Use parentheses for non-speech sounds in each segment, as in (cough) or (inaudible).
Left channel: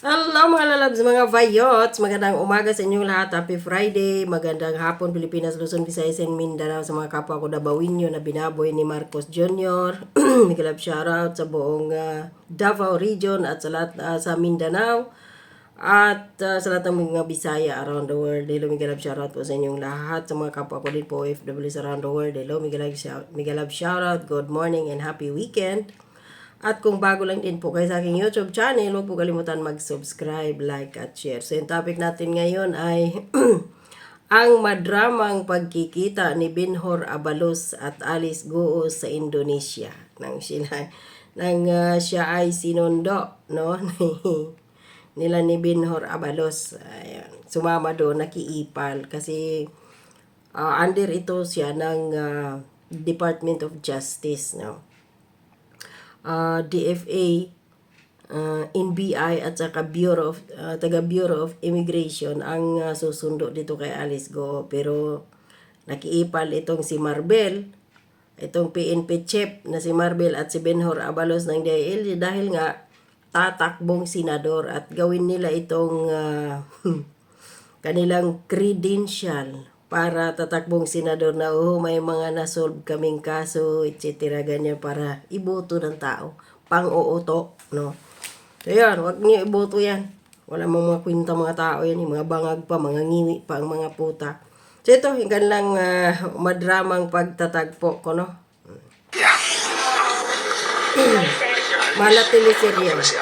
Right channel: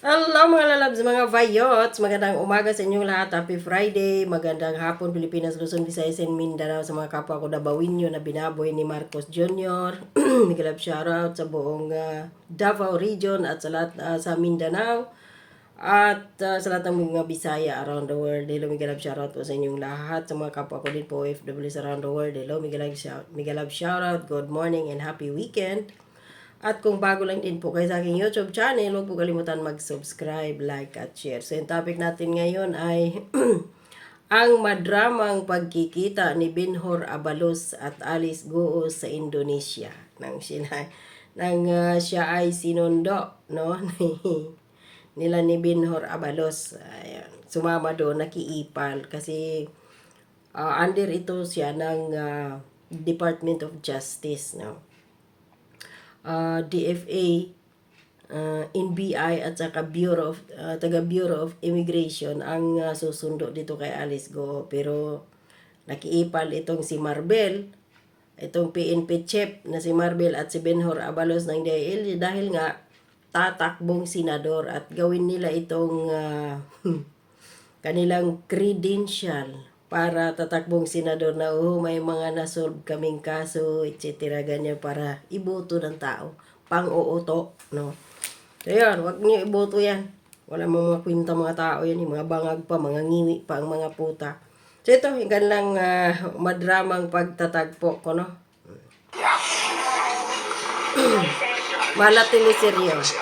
Hello mga lalabs, mga vayots! Magandang umaga sa inyong lahat. Happy Friday! Magandang hapon Pilipinas, Luzon, Visayas, and Mindanao sa mga kapwa ko Dabawinyo na binaboy ni Marcos Jr. Migalab (clears throat) shoutout sa buong ah, Davao region at sa lahat ah, sa Mindanao. At ah, sa lahat ng mga Bisaya around the world. Hello, Migalab shoutout po sa inyong lahat. Sa mga kapwa ko din po OFWs around the world. Hello, Migalab, shout, Migalab shoutout. Good morning and happy weekend. At kung bago lang din po kayo sa aking YouTube channel, huwag po kalimutan mag-subscribe, like, at share. So, yung topic natin ngayon ay (clears throat) ang madramang pagkikita ni Binhor Abalos at Alice Goo sa Indonesia. Nang sila, nang ah, siya ay sinundo, no? (laughs) Ni- nila ni Binhor Abalos. Ayan. Sumama doon, nakiipal. Kasi ah, under ito siya ng ah, Department of Justice, no? Uh, DFA, uh, NBI at saka Bureau of uh, taga Bureau of Immigration ang uh, susundo dito kay Alice Go. Pero nakiipal itong si Marbel itong PNP chief na si Marbel at si Benhor Abalos ng DIL dahil nga tatakbong senador at gawin nila itong uh, (laughs) kanilang credential para tatakbong senador na oh, may mga nasolve kaming kaso, etc. ganyan para iboto ng tao. Pang-uuto, no? So yan, wag niyo iboto yan. Wala mga mga kwinta mga tao yan, yung mga bangag pa, mga ngiwi pa ang mga puta. So ito, yung kanilang ah, madramang pagtatagpo ko, no? (clears throat) Mala teleserye. Si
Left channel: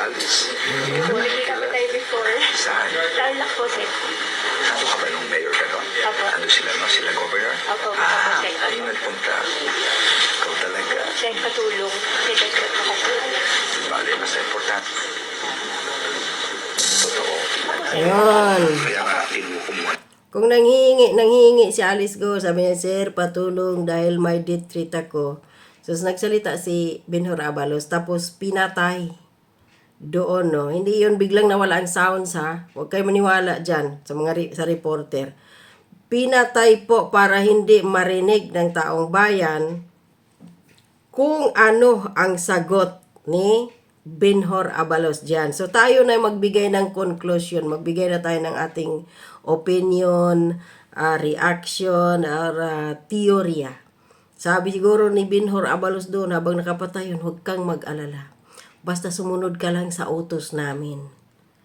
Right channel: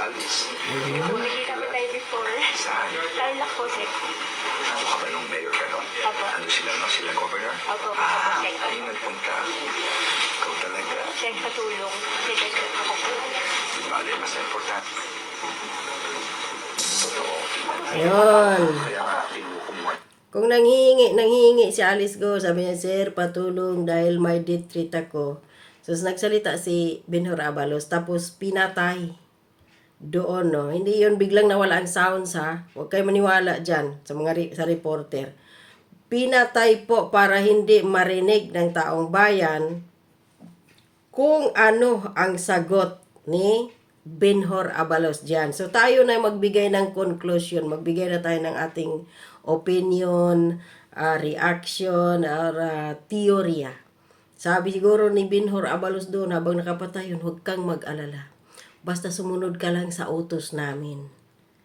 katulong. Kasi dapat makatulong. Bale, mas importante. Totoo. Ayun. Kaya nga, tinukumuhan. Kung nanghihingi, nanghihingi si Alice Go, sabi niya, Sir, patulong dahil may death threat ako. So, nagsalita si Benhur Abalos, tapos pinatay doon, no? Hindi yun biglang nawala ang sounds, ha? Huwag kayo maniwala dyan sa mga sa reporter. Pinatay po para hindi marinig ng taong bayan kung ano ang sagot ni Benhor Abalos dyan. So tayo na magbigay ng conclusion, magbigay na tayo ng ating opinion, ah, reaction, or ah, teorya. Sabi siguro ni Benhor Abalos doon habang nakapatay yun, huwag kang mag-alala. Basta sumunod ka lang sa utos namin.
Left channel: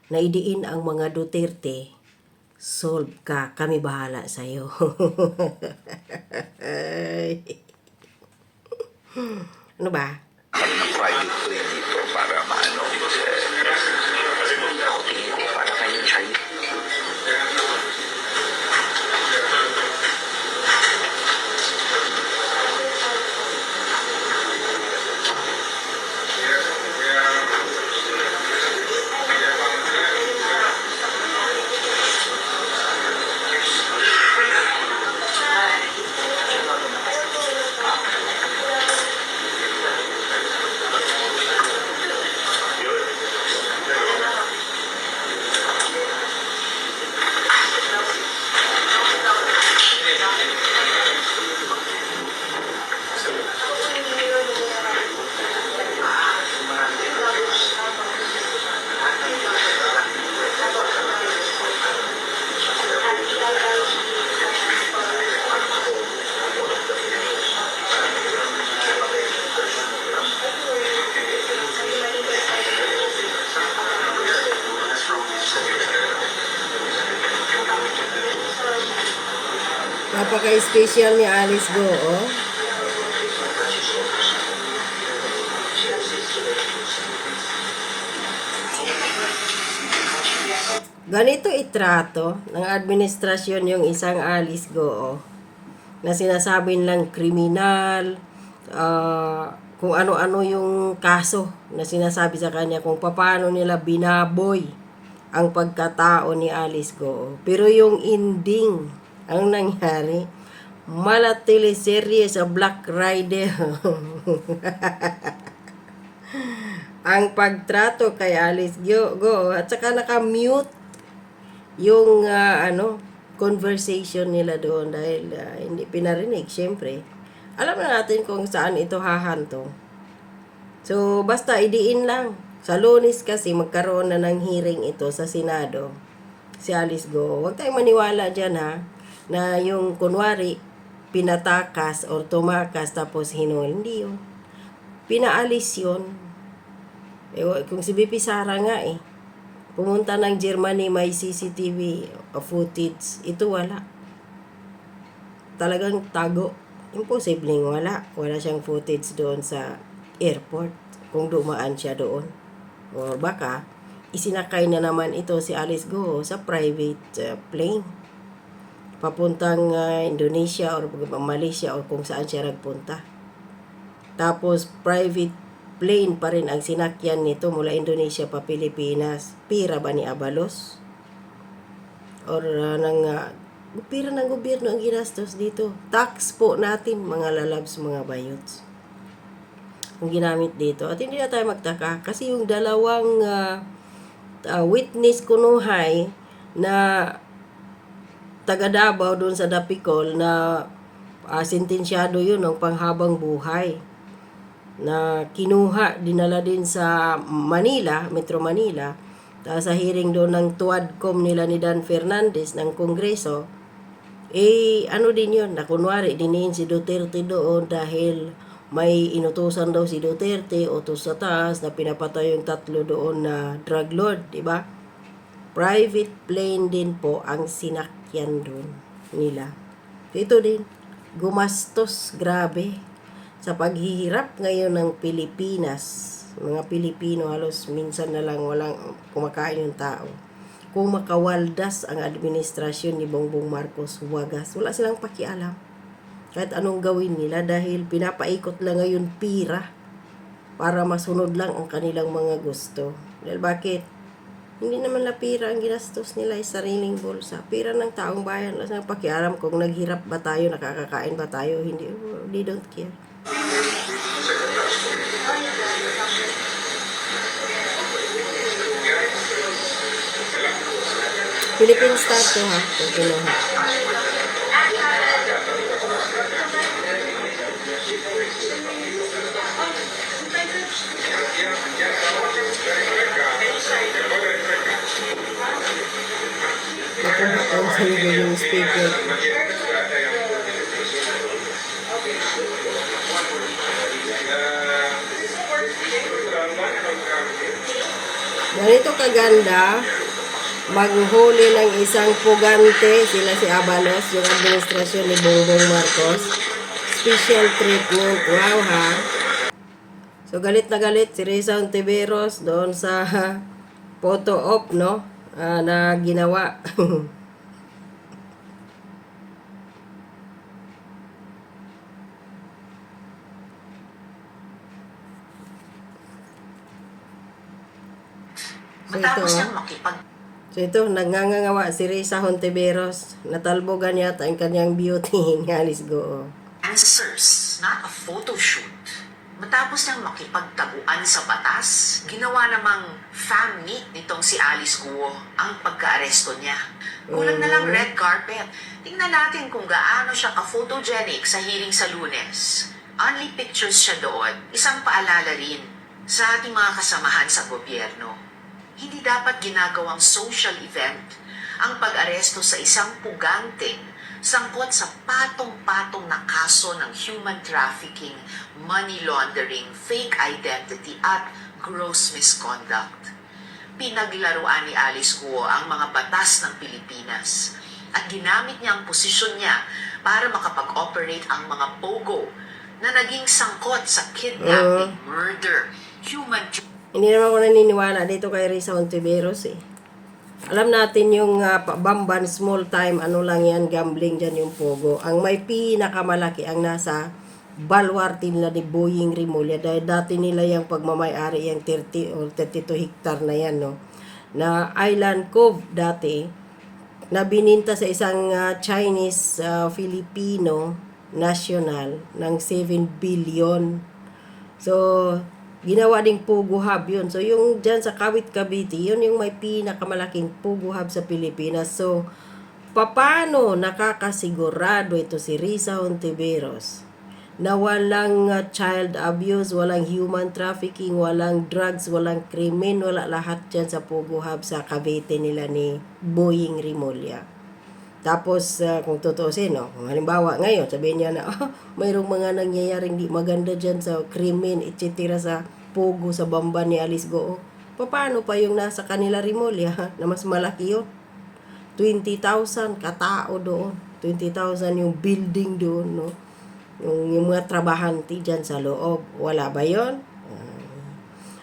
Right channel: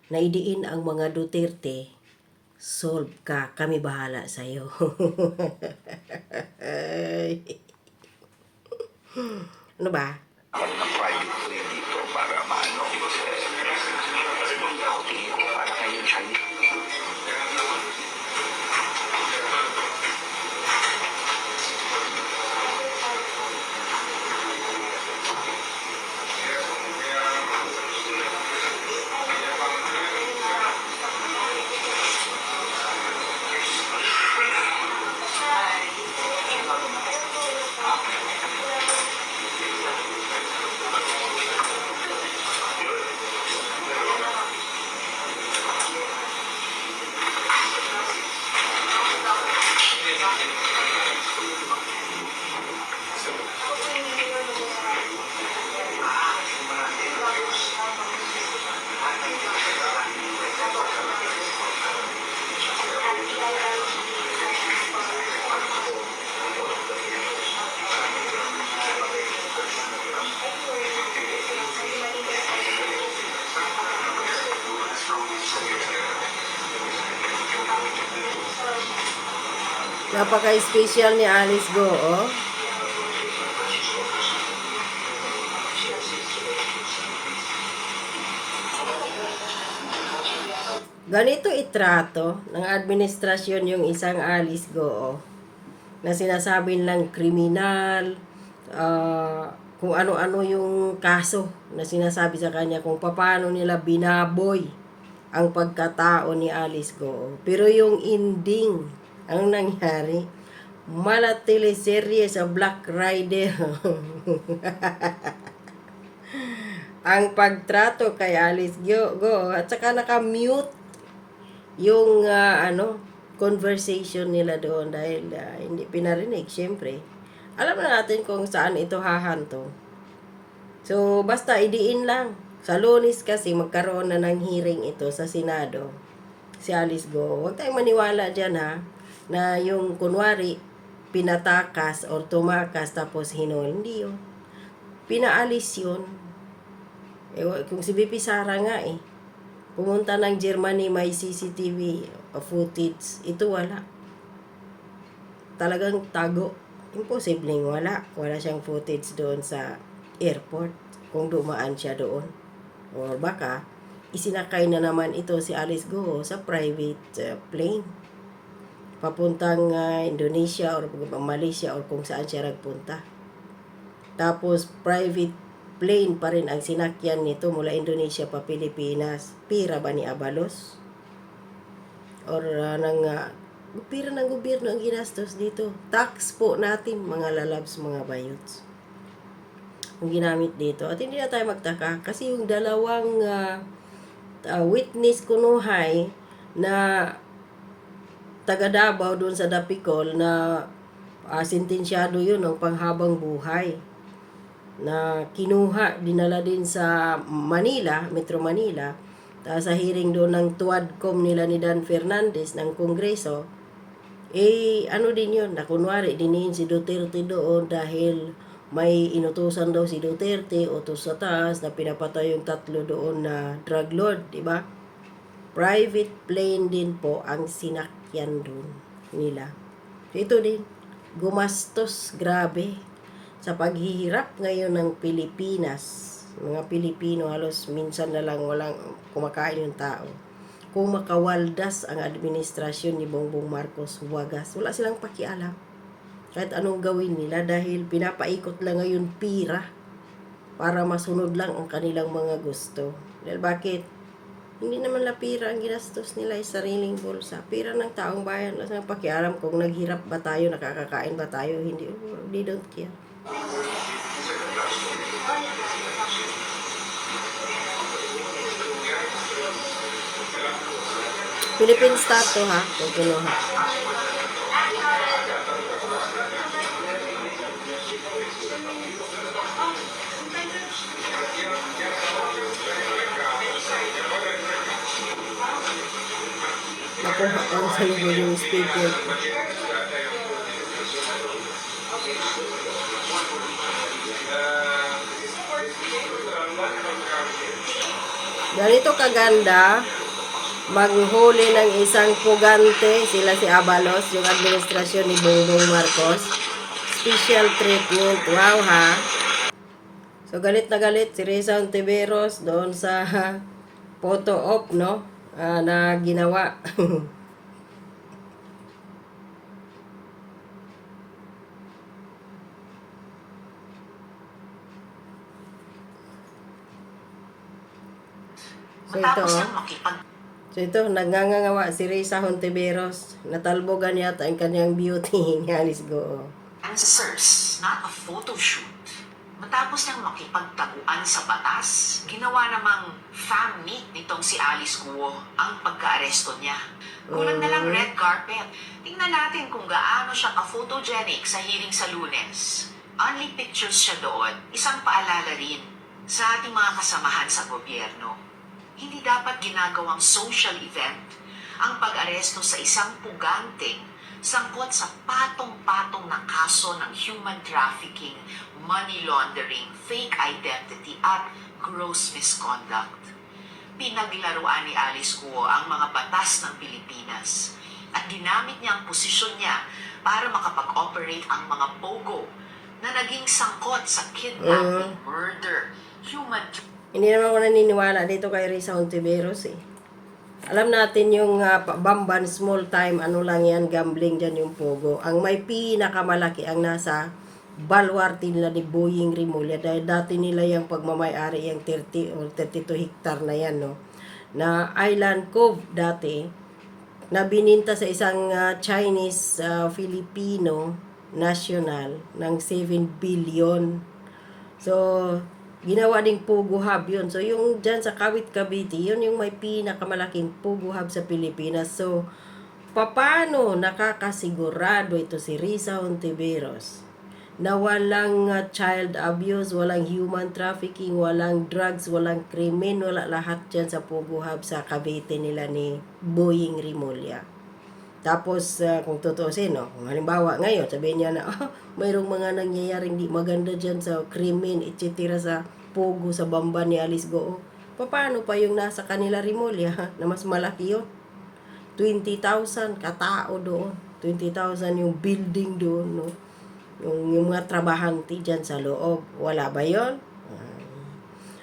Naidiin ang mga Duterte, solve ka, kami bahala sa'yo. (laughs) ano ba? Kami ng private plane dito para Napaka-special ni Alice Go, oh. Ganito itrato ng administrasyon yung isang Alice Go, oh, na sinasabi lang kriminal, ah, kung ano-ano yung kaso na sinasabi sa kanya, kung paano nila binaboy ang pagkatao ni Alice Go. Pero yung ending, ang nangyari, mala teleserye sa Black Rider. (laughs) ang pagtrato kay Alice Go, Go at saka naka-mute yung ah, ano conversation nila doon dahil ah, hindi pinarinig syempre alam na natin kung saan ito hahanto so basta idiin lang Sa lunes kasi magkaroon na ng hearing ito sa Senado. Si Alice Go. Huwag tayong maniwala dyan ha. Na yung kunwari, pinatakas or tumakas tapos hinul. Hindi yun. Pinaalis yun. Eh, kung si BP Sara nga eh. Pumunta ng Germany, may CCTV footage. Ito wala. Talagang tago. Imposibleng wala. Wala siyang footage doon sa airport. Kung dumaan siya doon. O baka, isinakay na naman ito si Alice Go sa private uh, plane. Papuntang uh, Indonesia or Malaysia or kung saan siya nagpunta. Tapos private plane pa rin ang sinakyan nito mula Indonesia pa Pilipinas. Pira ba ni Abalos? Or uh, ng uh, pira ng gobyerno ang ginastos dito. Tax po natin mga lalabs, mga bayots. Ang ginamit dito. At hindi na tayo magtaka kasi yung dalawang uh, uh, witness kunuhay na taga Davao doon sa Dapicol na uh, sentensyado yun ng panghabang buhay na kinuha, dinala din sa Manila, Metro Manila, tapos sa hearing doon ng tuwadcom nila ni Dan Fernandez ng Kongreso, eh, ano din yun, na kunwari, diniin si Duterte doon dahil may inutusan daw si Duterte, utos sa taas, na pinapatay yung tatlo doon na drug lord, di ba? Private plane din po ang sinakyan doon nila. Ito din, gumastos, grabe, sa paghihirap ngayon ng Pilipinas. Mga Pilipino halos minsan na lang walang kumakain yung tao. Kung makawaldas ang administrasyon ni Bongbong Marcos wagas, wala silang pakialam. Kahit anong gawin nila dahil pinapaikot lang ngayon pira para masunod lang ang kanilang mga gusto. Dahil bakit? Hindi naman na pira ang ginastos nila ay sariling bulsa. Pira ng taong bayan. Wala silang pakialam kung naghirap ba tayo, nakakakain ba tayo, hindi. They don't care. Philippine Star to ha, kung kinuha. Ko sa yung speaker. Ganito kaganda, maghuli ng isang pugante, sila si Abalos, yung administrasyon ni Bongbong Marcos. Special treatment, wow ha. So galit na galit si Risa Ontiveros doon sa (laughs) photo op, no? Ah, na ginawa. (laughs) So ito, So ito, nagngangawa si Risa Hontiveros. Natalbogan yata ang kanyang beauty (laughs) ni Alice Go. answers, not a photo shoot. Matapos niyang makipagtaguan sa batas, ginawa namang fam meet nitong si Alice Guo ang pagka-aresto niya. Kulang na lang Mm. red carpet. Tingnan natin kung gaano siya ka-photogenic sa hearing sa lunes. Only pictures siya doon, isang paalala rin sa ating mga kasamahan sa gobyerno. Hindi dapat ginagawang social event ang pag-aresto sa isang puganteng sangkot sa patong-patong na kaso ng human trafficking, money laundering, fake identity at gross misconduct. Pinaglaruan ni Alice Guo ang mga batas ng Pilipinas at ginamit niya ang posisyon niya para makapag-operate ang mga pogo na naging sangkot sa kidnapping, murder, human Hindi naman ako naniniwala dito kay Risa Hontiveros eh. Alam natin yung pa- Bamban small time, ano lang yan, gambling dyan yung Pogo. Ang may pinakamalaki ang nasa balwarte nila ni Boying Rimulya dahil dati nila yung pagmamayari yung 30 or 32 hektar na yan, no? Na Island Cove dati, na bininta sa isang ah, Chinese ah, Filipino national ng 7 billion. So, ginawa ding Pugo Hub yun. So, yung dyan sa Kawit Cavite, yun yung may pinakamalaking Pugo Hub sa Pilipinas. So, paano nakakasigurado ito si Risa Hontiveros na walang uh, child abuse, walang human trafficking, walang drugs, walang krimen, wala lahat dyan sa Pogo Hub sa Cavite nila ni Boying Rimulya. Tapos, uh, kung tutusin, no, kung halimbawa ngayon, sabihin niya na, (laughs) ah, mayroong mga nangyayaring di maganda dyan sa krimen, etc. sa Pogo, sa bamba ni Alice Goo. Paano pa yung nasa kanila Rimulya na mas malaki yun? 20,000 katao doon. 20,000 yung building doon, no? Yung, yung mga trabahante dyan sa loob. Wala ba yon?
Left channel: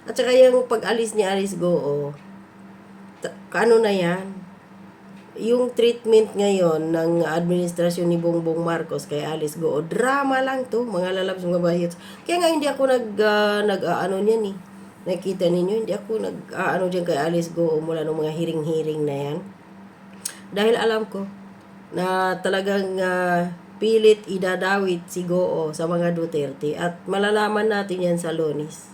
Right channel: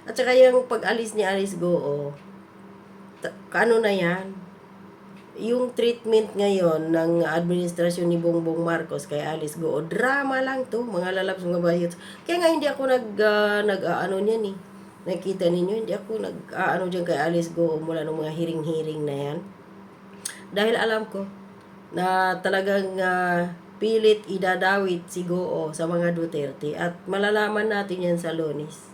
At saka yung pag-alis ni Alice Goo, ano na yan? Yung treatment ngayon ng administrasyon ni Bongbong Marcos kay Alice Goo, drama lang to, mga lalabs, mga bayot. Kaya nga hindi ako nag, ah, nag ah, ano niyan eh. Nakita ninyo, hindi ako nag, ah, ano kay Alice Goo mula nung mga hiring-hiring na yan. Dahil alam ko na talagang ah, pilit idadawit si Goo sa mga Duterte at malalaman natin yan sa Lonis.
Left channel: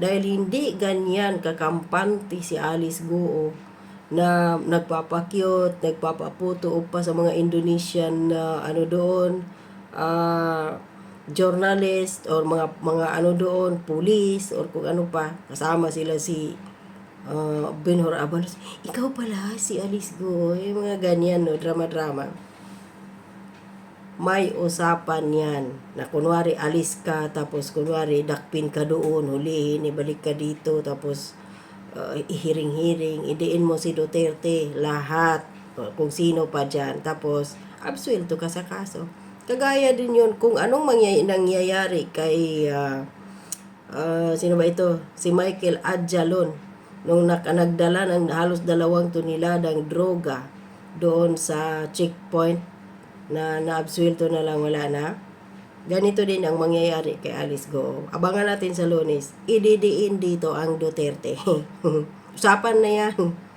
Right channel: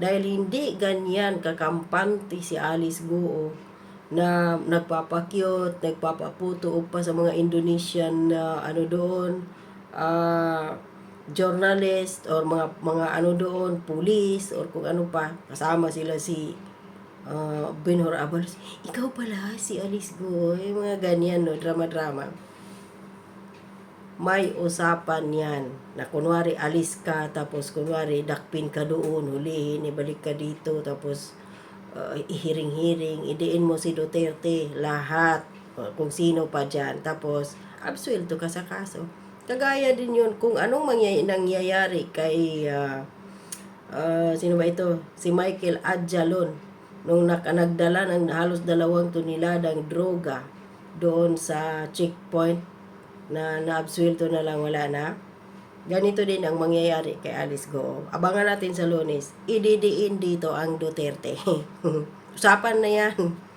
Dahil hindi ganyan kakampante si Alice Goo na nagpapakyot, nagpapaputo pa sa mga Indonesian na ano doon, ah, journalist or mga mga ano doon, police or kung ano pa. Kasama sila si uh, Benhor Abalos. Ikaw pala si Alice Go. Yung mga ganyan, no? Drama-drama. May usapan yan. Na kunwari alis ka, tapos kunwari dakpin ka doon, hulihin, ibalik ka dito, tapos uh, ihiring-hiring, idiin mo si Duterte, lahat, uh, kung sino pa dyan. Tapos, absuelto ka sa kaso. Kagaya din yun, kung anong mangyay- nangyayari kay, uh, uh, sino ba ito? Si Michael Adjalon, nung nak- nagdala ng halos dalawang toniladang droga doon sa checkpoint na naabsuelto na lang wala na. Ganito din ang mangyayari kay Alice Go. Abangan natin sa lunes. Ididiin dito ang Duterte. (laughs) Usapan na yan.